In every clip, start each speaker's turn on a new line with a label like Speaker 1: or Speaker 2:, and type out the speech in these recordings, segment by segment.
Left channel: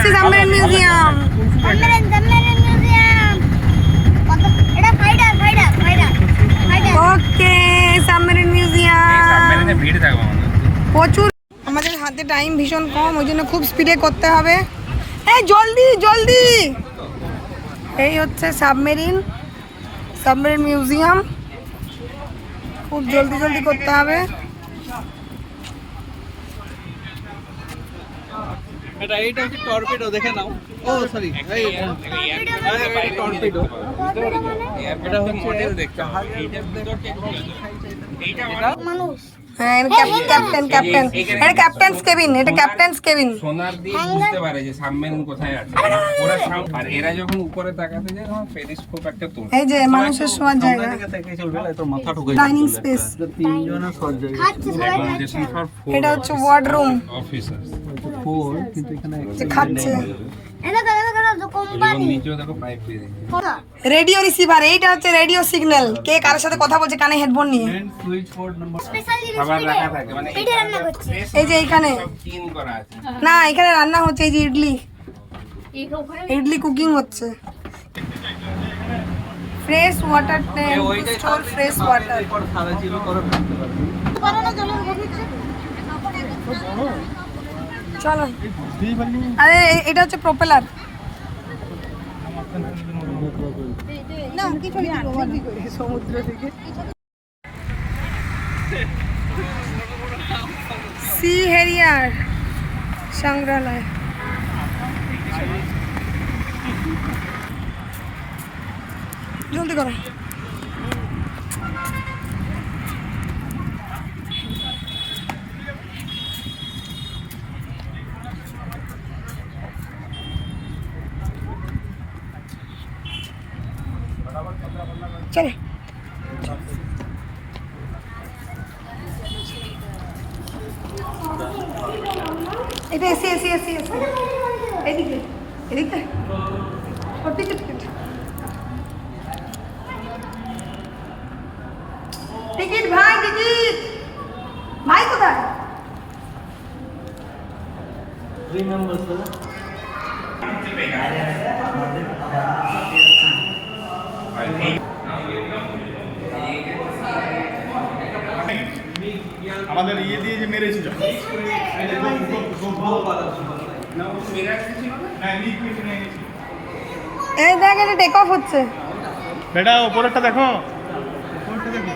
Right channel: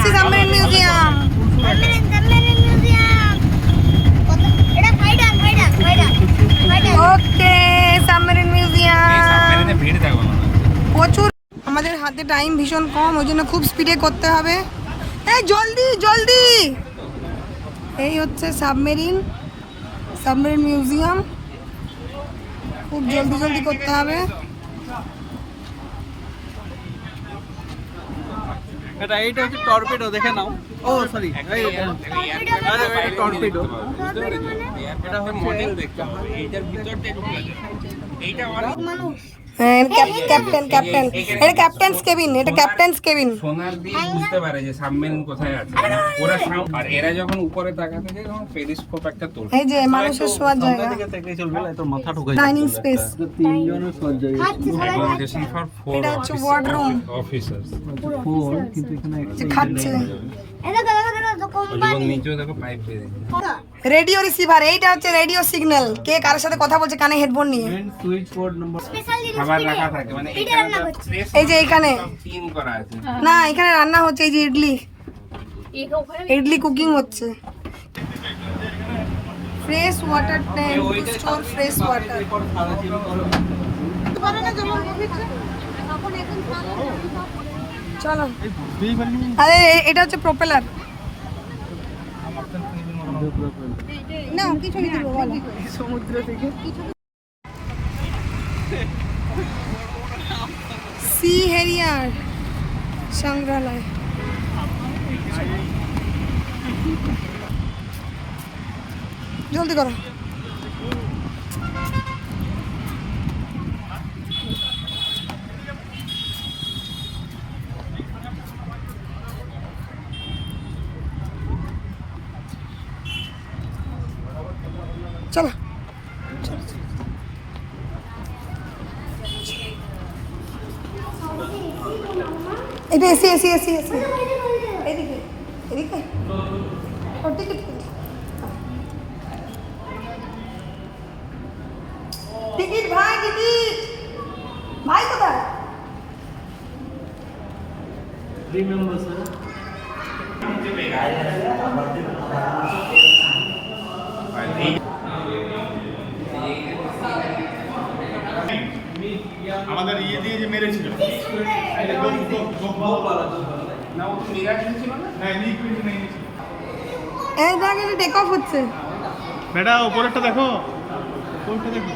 Speaker 1: এসছি submarine museum
Speaker 2: এটা
Speaker 1: ওকে submarine museum
Speaker 3: ভিড় থাকবে
Speaker 1: প্রচুর আমাদের হাতে টাইম ভীষণ কম ওই জন্য খুব স্পিডে করতে হবে। এই জলদি জলদি! এই হচ্ছে সাবমেরিন সাবমেরিন মিউজিয়াম খুব জলদি জলদি করতে হবে।
Speaker 4: এটা এইটা হচ্ছে টর্পিডো দেখে নাও। ও সরি
Speaker 2: টর্পিডো মানে
Speaker 4: টর্পিডো
Speaker 2: টর্পিডো মানে?
Speaker 4: এটা হচ্ছে
Speaker 3: মডেল দেখতে এইটা আমার
Speaker 2: মানুষ।
Speaker 1: হ্যাঁ, ক্যাপ্টেন ক্যাপ্টেন এটা ক্যাপ্টেন্স কেবিন এটা ক্যাপ্টেন্স কেবিন
Speaker 3: সোনার দিয়ে বুঝতে পারে যে সাবমেরিন কোথায় আছে। ওরা আর এরা যখন উপরে তাকাতে যায় তখন পেরিস্কোপ একটা তোলে।
Speaker 1: এই যে মানুষের শোয়ার জায়গা।
Speaker 4: থেকে চলবে না তো মাথা ঠুকে
Speaker 1: ডাইনিং স্পেস
Speaker 4: তিনজনের শোয়ার জায়গা।
Speaker 2: খাচ্ছে
Speaker 3: অ্যাকোমোডেশন ফর ফোর
Speaker 1: এটা হচ্ছে ওয়ার্ড রুম
Speaker 3: অফিসার্স
Speaker 4: ফোর কিন্তু এখানে
Speaker 1: খাচ্ছে।
Speaker 2: এটা দেখো দেখো দেখো কোম্পানি
Speaker 3: নিচেও দেখো পাইপ দিয়ে।
Speaker 1: রেডিও রিসিভার এইটা হচ্ছে রেডিও সিগন্যাল কে কার সাথে কথা বলছে কানে হেডফোন নিয়ে?
Speaker 3: মানে
Speaker 1: এই যে এখানে।
Speaker 3: ক্লিন করা আছে।
Speaker 1: না এখানে রান্না হচ্ছে এই যে ইডলি। ইডলি কুকিং হচ্ছে। Fresh water tank store fresh water চলো। আরে এটা হচ্ছে প্রপেলার না কিছু সমুদ্র থেকে। সি হেরিয়ার সংগ্রহালয়। জলদি করো। চলো এটা এসি এসি এসি এসি এদিকে এদিকে ও টিকিট টিকিট টিকিট ভাই টিকিট ভাই কোথায়
Speaker 4: থ্রি মেম্বার্স
Speaker 5: আমাদের ইয়ে দিয়ে যে মেরেছিল।
Speaker 1: এই দেখ এটা টেক অফ হচ্ছে।
Speaker 5: বেটা উপরেরটা দেখো। উপরেরটা দেখো।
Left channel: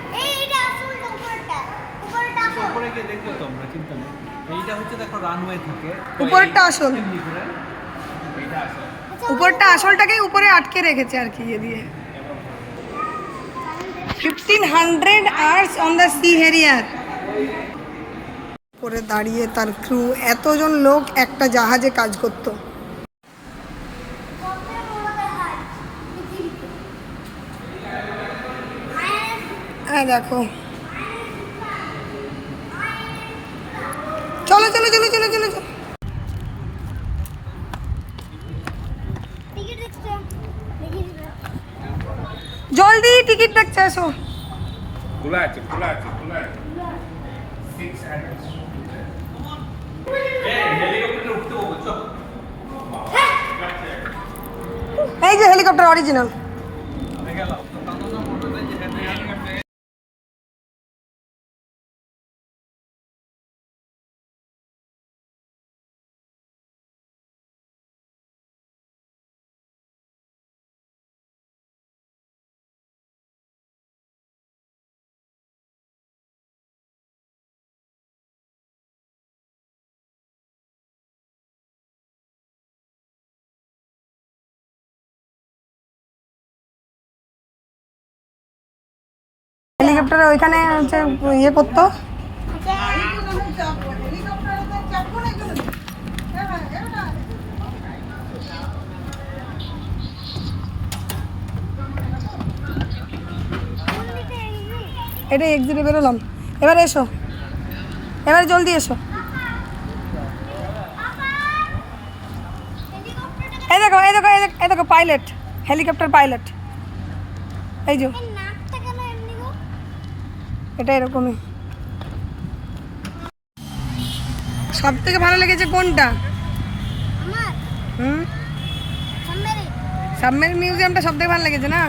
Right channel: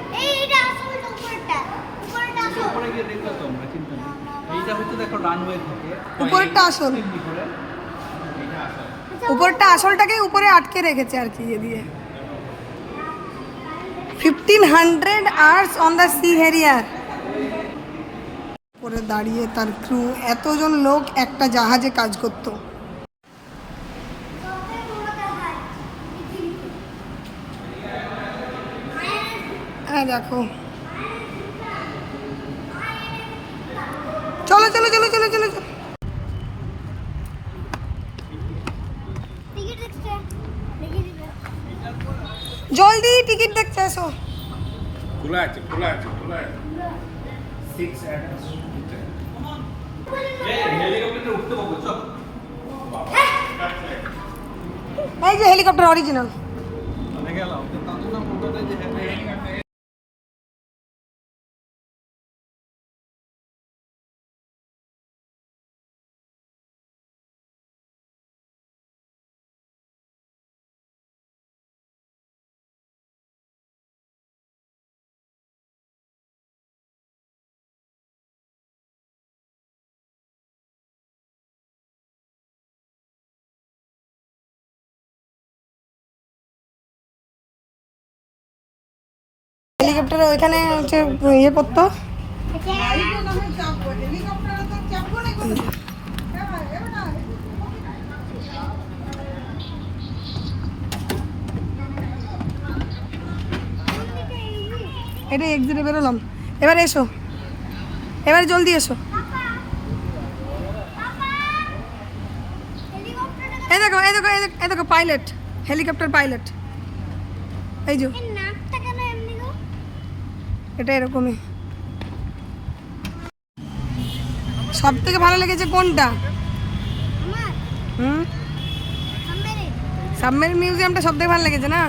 Speaker 1: উপরেরটা আসল। উপরটা আসলটাকে উপরে আটকে রেখেছে আর কি ইয়ে দিয়ে। Fifteen hundred hours on the Sea Harrier উপরে দাঁড়িয়ে তার ক্রু এতজন লোক একটা জাহাজে কাজ করতো। হ্যাঁ দেখো। চলো চলো চলো চলো চলো চলো।
Speaker 2: দেখছে
Speaker 1: জলদি, টিকিট দেখতে এসো।
Speaker 3: খোলা আছে খোলা আছে খোলা আছে। সিক্স অ্যাডাল্টস
Speaker 1: এই যে হেলিকপ্টার অরিজিনাল হেলিকপ্টারে ওইখানে হচ্ছে ইয়ে করতো। এটা এক্সিটে বেরোলাম। এবার এসো। এবার জলদি এসো। এই দেখো এই দেখো এই দেখো পাইলট হেলিকপ্টার পাইলট এই যে। এটা এরকমই। সব থেকে ভালো লেগেছে কোনটা? হুম? সাবমেরিন মিউজিয়ামটা সব থেকে ভালো লেগেছে না?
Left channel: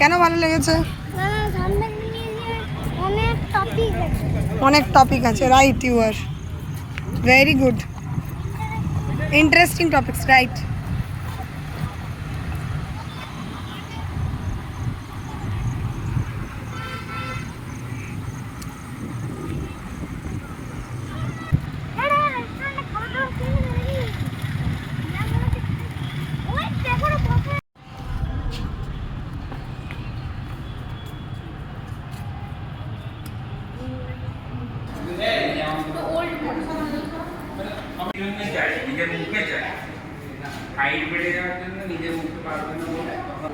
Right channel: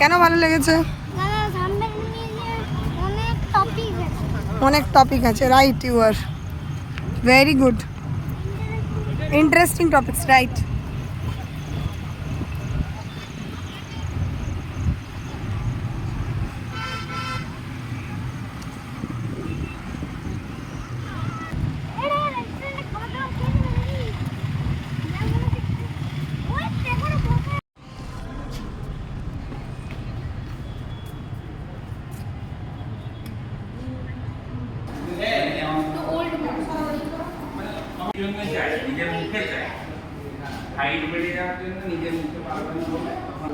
Speaker 1: কেন ভালো লেগেছে?
Speaker 2: অনেক টপিক আছে
Speaker 1: right you are very good interesting topics right
Speaker 2: এরে রেস্টুরেন্টে খাওয়া দাওয়া খেয়ে নেই ওই দেখো না বসে
Speaker 3: জন্য চাই নিজের মুখে চাই হাইট বেড়ে যাওয়ার জন্য নিজের মুখে পারবে না বলে তখন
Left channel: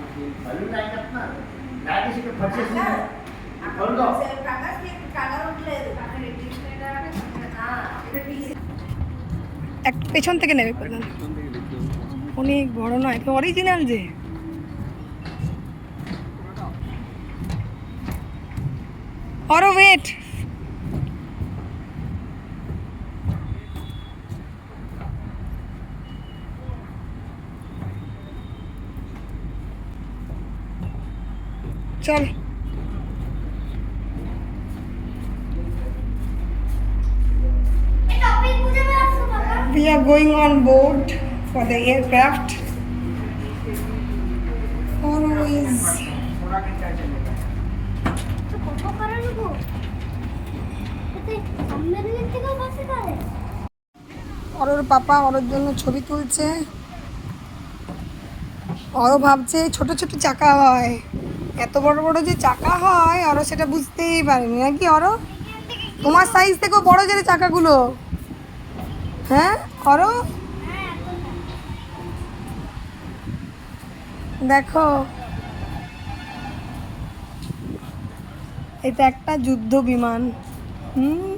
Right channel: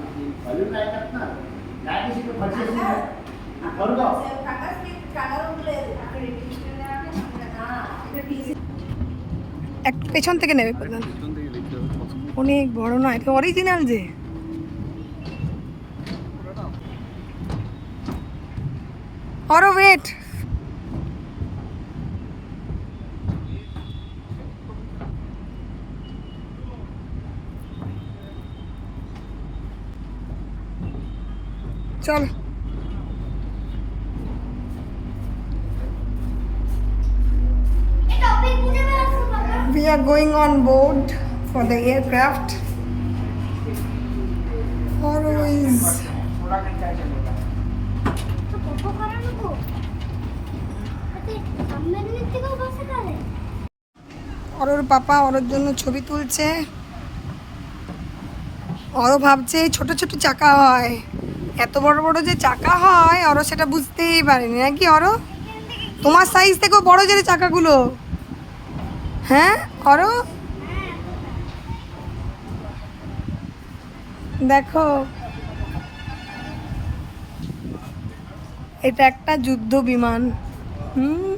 Speaker 1: একটু পেছন থেকে নেবে প্রধান অনেক বড় নয় তো অরিজিনাল যে। অরো ওয়েট চল। We are going on board for the aircraft. Always. অরোর পাপা অরোর জন্য ছবি তুলছে। অরো ভাবছে ছোট ছোট চাকা হয়। এত বড় বড় যে চাকা হয়, অরো সেটা বুঝতেই পারেনি। নাকি অরো? তোমার সাইজ থেকেও বড় যে চাকাগুলো। হ্যাঁ করো। দেখো এটা একটা যুদ্ধ বিমান। হুম?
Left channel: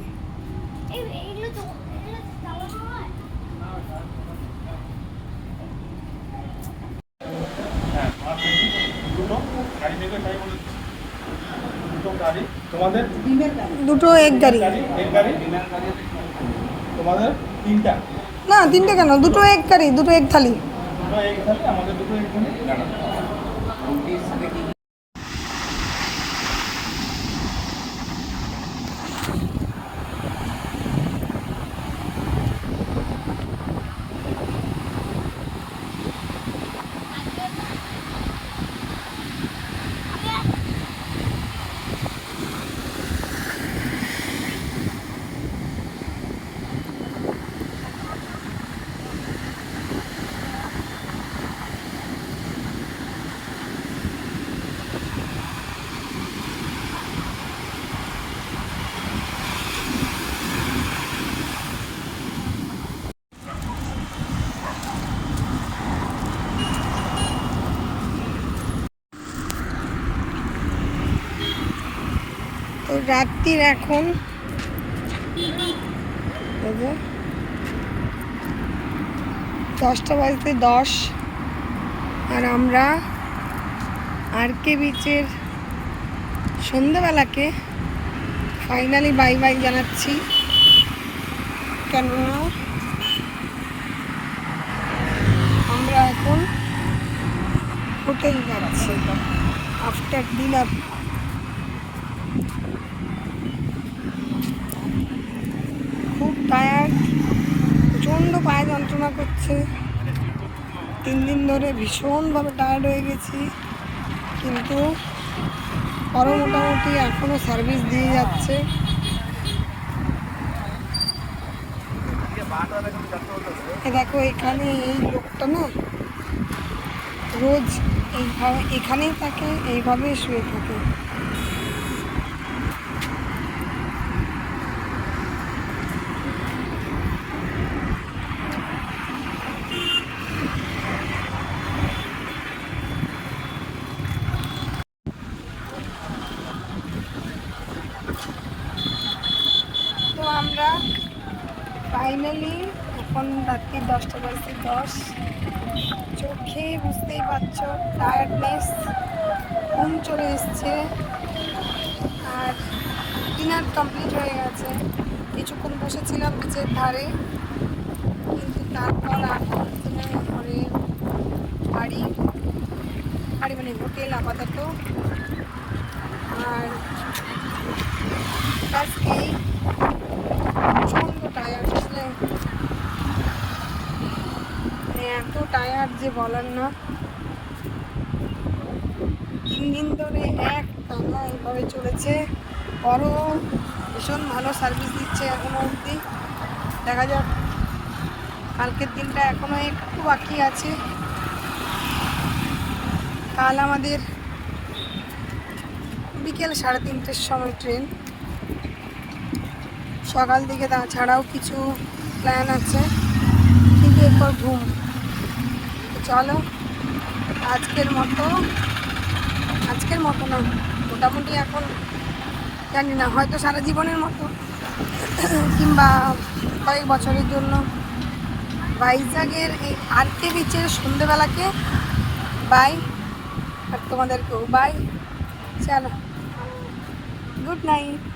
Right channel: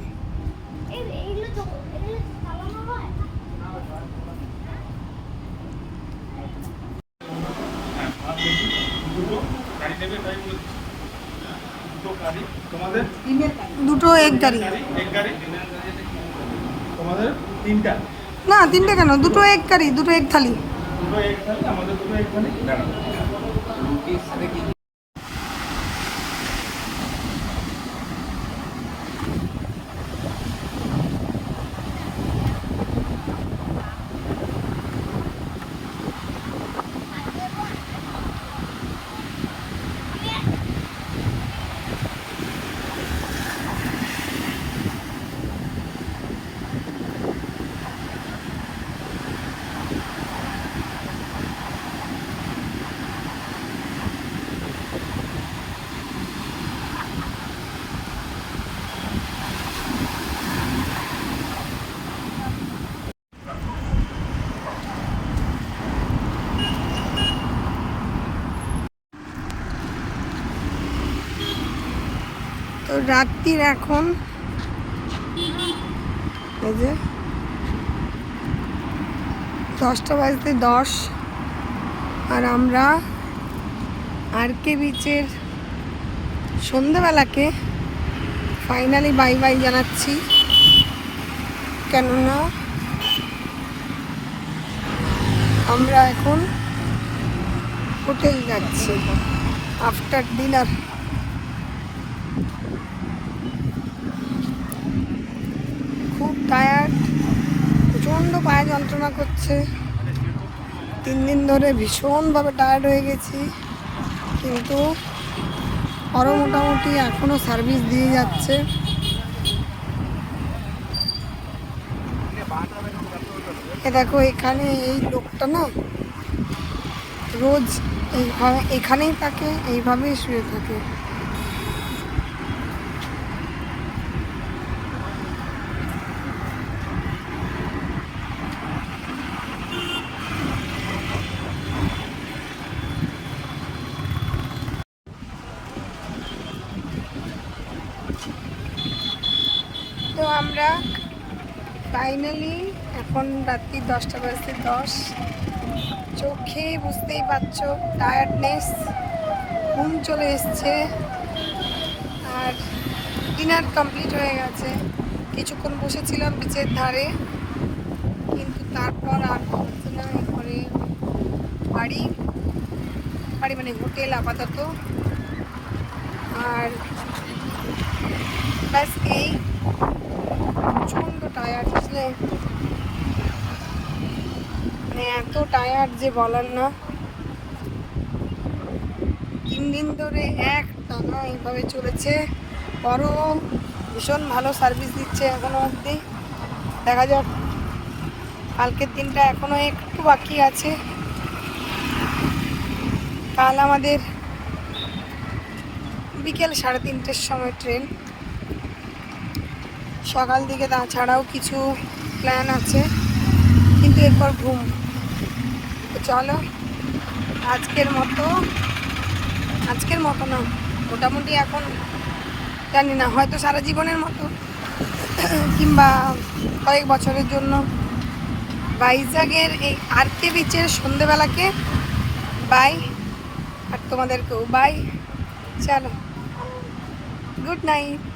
Speaker 5: দুটো
Speaker 1: এক গাড়ি।
Speaker 5: তোমাদের তিনটা?
Speaker 1: না তিনটে কেন? দুটো এক কারি দুটো এক থালি।
Speaker 5: দুটো এক থালি আমাদের দুটো এক থালি।
Speaker 3: না রুটির সাথে কি কি
Speaker 1: রাত্রির এখন। যে। দশটা বাজতে দশ। আর আমরা আর কে বিচের সন্ধ্যাবেলাকে ফাইনালি বাই বাই জানাচ্ছি। কেননা আমরা এখন হোটেল যাচ্ছি। আফটার ডিনার খুব টায়ার্ড প্রচণ্ড পায়ে যন্ত্রণা করছে। তিন দিন ধরে ভীষণভাবে টায়ার্ড হয়ে গেছি। কিন্তু আরও মোটামুটি এখনও সার্ভিস দিয়ে যাচ্ছে। এ দেখো, এখানে এই লোকটা না রোজ এইভাবে এখানেই থাকে, এইভাবেই শুয়ে থাকে তো আমরা ফাইনালি এখন রাত্রি দশটা বাজতে দশ। চোখে বুঝতেই পারছ টায়ার্ডনেস ঘুম চলে এসছে। আর ডিনার কমপ্লিট হয়ে গেছে। কিছুক্ষণ বসেছিলাম বিচের ধারে, কিন্তু তারপর আর না বাড়ি বাড়ি মানে হোটেল আপাতত। আর ব্যাস এই। প্রচণ্ড টায়ার্ড আসলে মানে এত টায়ার্ড যে বলার না। তিন দিন ধরে এক টানা এইভাবে চলেছে। বড় ভীষণ ভালো সার্ভিস দিচ্ছে এখনও অবধি। দেখা যাক, কালকের দিনটা এখনও একটু বাকি আছে। কাল আমাদের বিকেল সাড়ে তিনটের সময় ট্রেন সকাল দিকে তাছাড়াও কিছু প্ল্যান আছে। কিন্তু এরপর ঘুম। চলো, আজকের মতো আজকের মতো না, মোটামুটি এখন জানি না, হয়তো সারা জীবনের মতো। কিংবা কয়েক বছরের জন্য। ভাইজাগের এই আরকে বিচের সন্ধেবেলাকে বাই আর তোমাদেরকেও বাই চলো গুড নাইট